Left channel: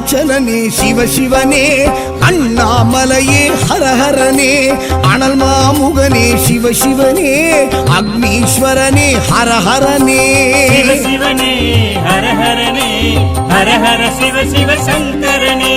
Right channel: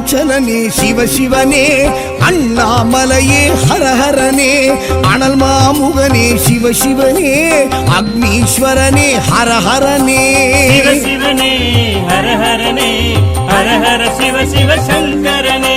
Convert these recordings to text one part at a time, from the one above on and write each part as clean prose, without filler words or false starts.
அருணாச்சலனே சிவசிவனே அண்ணாமலையே ஹரஹரனே அனல் மாமுகனே சிவசிவனே அக்னீஸ்வரனே ஹரஹரனே சிவசிவனே ஹரஹரனே ஹரஹர சிவ சிவ சங்கரனே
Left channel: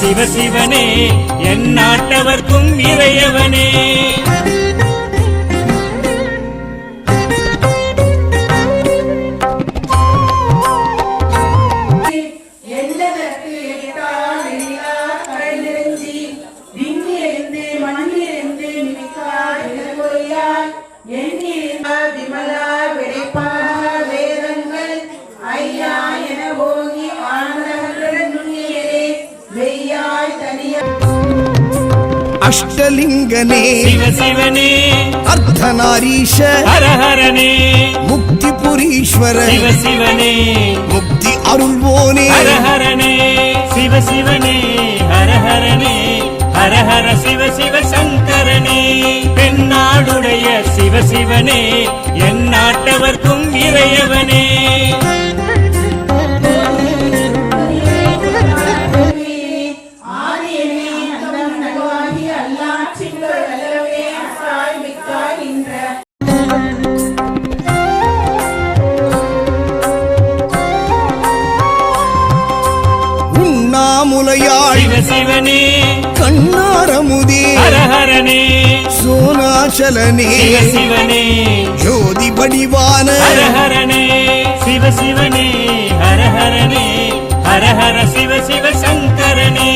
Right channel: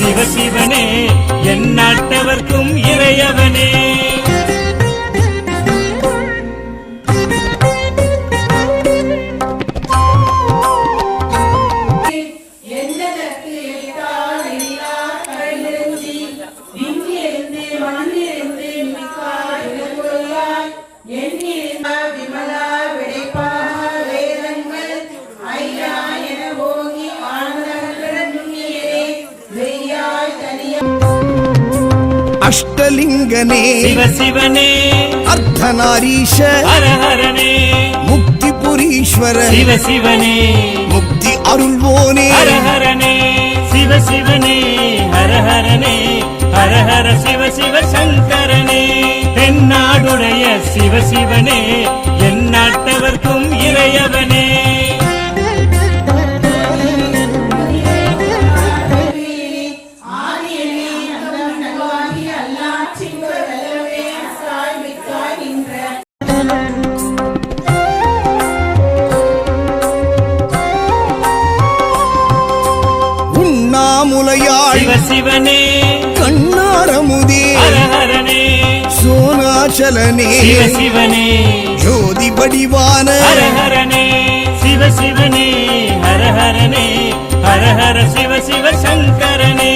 சிவசிவனே என் நாட்டவர்க்கும் இறையவனே அஷ்டலிங்கனே சிவசிவனே அர்த்தநாரீஷ ஹரஹரனே முக்திபுரீஸ்வர சிவசிவனே முக்தி அருள்வோனே ஹரஹரனே சிவசிவனே ஹரஹரனே ஹரஹர சிவ சிவ சங்கரனே தென்னாடுடைய சிவசிவனே என் நாட்டவர்க்கும் இறையவனே உண்ணாமுலையாள் சிவசிவனே கண்ணாரமுதே ஹரஹரனே சோனாச்சலனே சிவசிவனே ஜோதி படிவான ஹரஹரனே சிவசிவனே ஹரஹரனே ஹரஹர சிவ சிவ சங்கரனே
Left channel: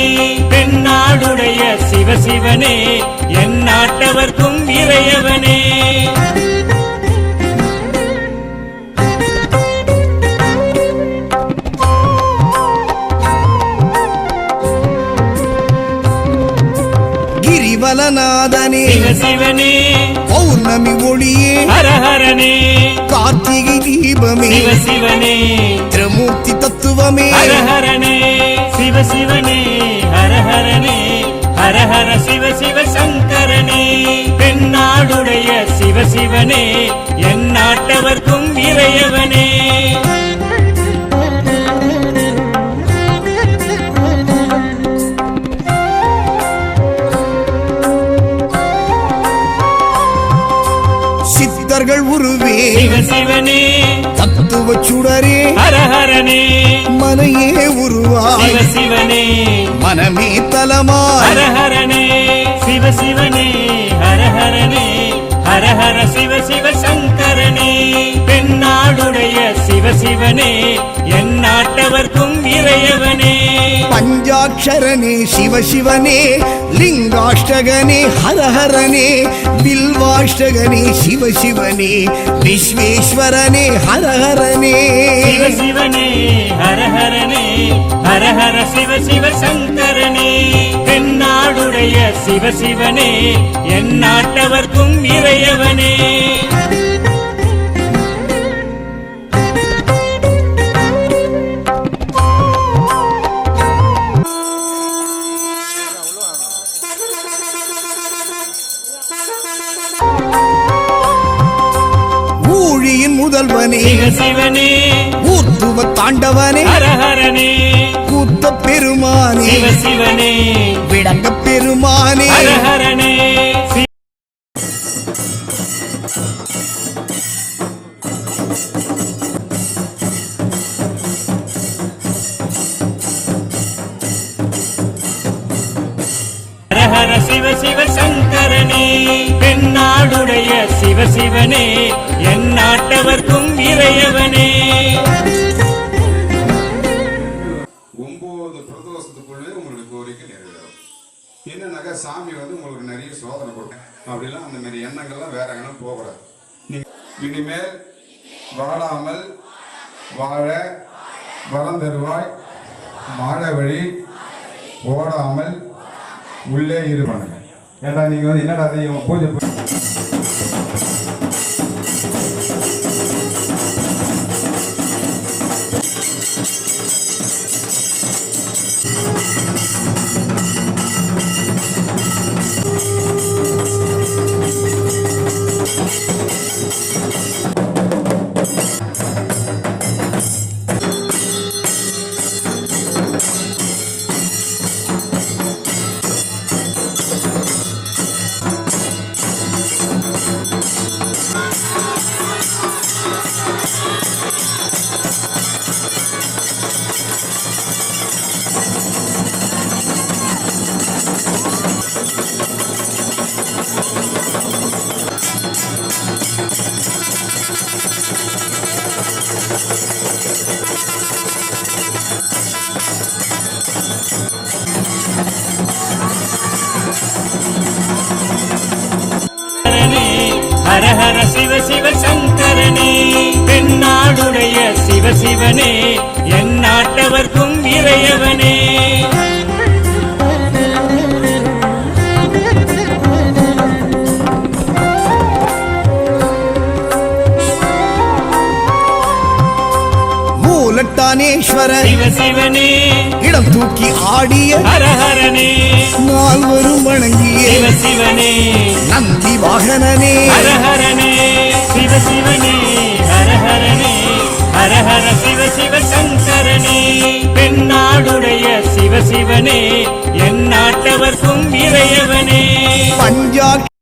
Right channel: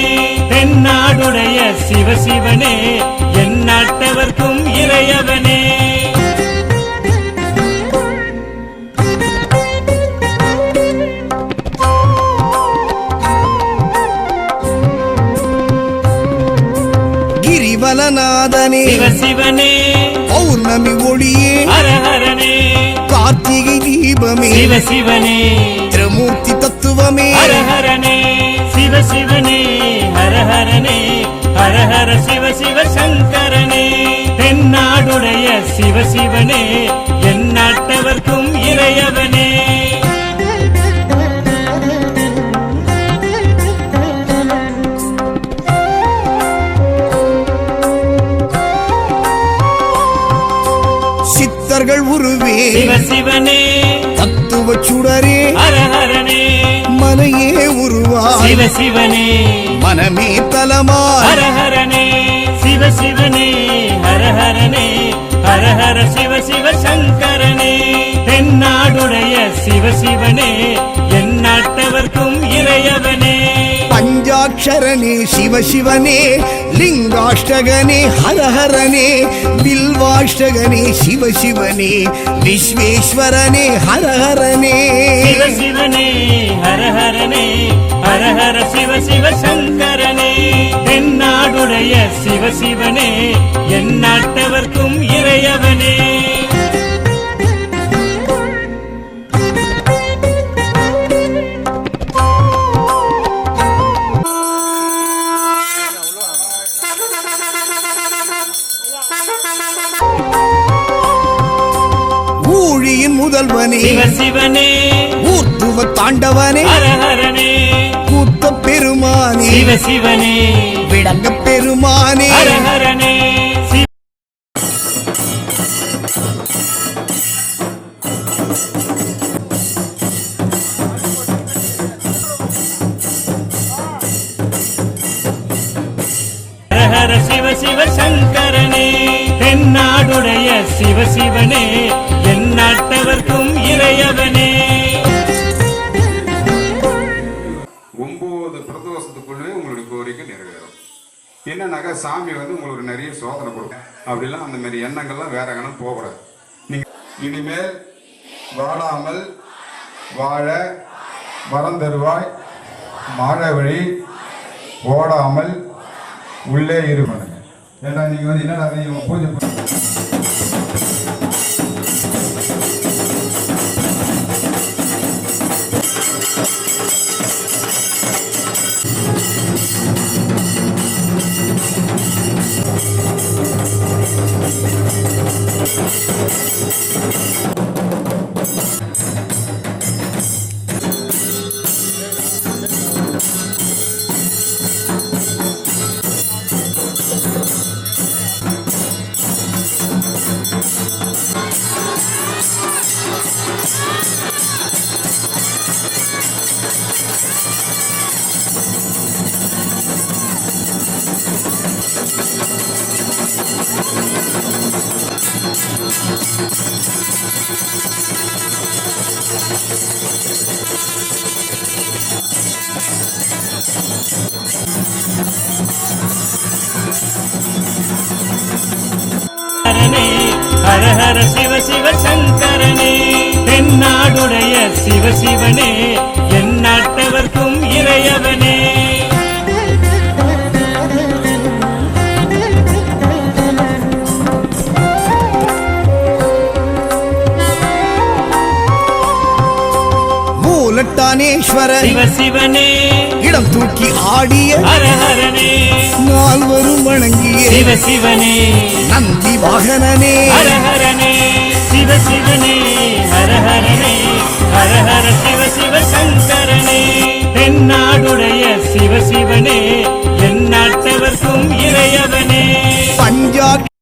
தென்னாடுடைய சிவசிவனே என் நாட்டவர்க்கும் இறையவனே கிரிவலநாதனே சிவசிவனே பௌர்ணமி ஒளியே ஹரஹரனே கார்த்திகை தீபமே சிவசிவனே திரிமூர்த்தி தத்துவமே ஹரஹரனே சிவசிவனே ஹரஹரனே ஹரஹர சிவ சிவ சங்கரனே தென்னாடுடைய சிவசிவனே என் நாட்டவர்க்கும் இறையவனே சித்தர்கள் உருவே சிவசிவனே தத்துவ சுடரே ஹரஹரனே மனையே உருவாய் சிவசிவனே மனமே தலமாய் ஹரஹரனே சிவசிவனே ஹரஹரனே ஹரஹர சிவ சிவ சங்கரனே தென்னாடுடைய சிவசிவனே என் நாட்டவர்க்கும் இறையவனே பஞ்சாட்சரனே சிவசிவனே லிங்காஷ்டகனே ஹரஹரனே பில்வாஷ்டகனே சிவசிவனே விஸ்வேஸ்வரனே ஹரஹரனே சிவசிவனே ஹரஹரனே ஹரஹர சிவ சிவ சங்கரனே தென்னாடுடைய சிவசிவனே என் நாட்டவர்க்கும் இறையவனே ஊழியின் முதல்வனே சிவனே தத்துவ தாண்டவனே ஹரஹரனே கூத்த பெருமானே சிவசிவனே விளங்க பெருமானே ஹரஹரனே ஹரஹர சிவ சிவ சங்கரனே தென்னாடுடைய சிவசிவனே எந்நாட்டவர்க்கும் இறையவனே 9 பிரதோஷத்துக்குள்ளே உங்களுடைய கோரிக்கை நிறைவேறும். என்னன்னாக்கா சாமி வந்து உங்களுக்கு நிறைய சோதனை கொடுக்கும். அப்படிலாம் அந்த மாதிரி எண்ணங்கள்லாம் வேற எங்கனா போகக்கூடாது. நீங்க இனிமேல் வாடாமல் வாழ வரம் தருவாய் மாழ வழி ஓடாமல் உள்ளே இரு பண்ணுங்க. ஏன்னா நீங்க வந்து என்னடா இவங்க பூஜை ஹரஹர சிவ சிவ சங்கரனே தென்னாடுடைய சிவசிவனே எந்நாட்டவர்க்கும் இறையவனே மூலட்டானேஸ்வர சிவசிவனே இடம் தூக்கி ஆடிய ஹரஹரனே நால்வரும் வணங்கிய சிவசிவனே நந்தி வாகனனே ஹரஹரனே சிவசிவனே ஹரஹரனே ஹரஹர சிவ சிவ சங்கரனே தென்னாடுடைய சிவசிவனே எந்நாட்டவர்க்கும் இறையவனே பஞ்சாட்சர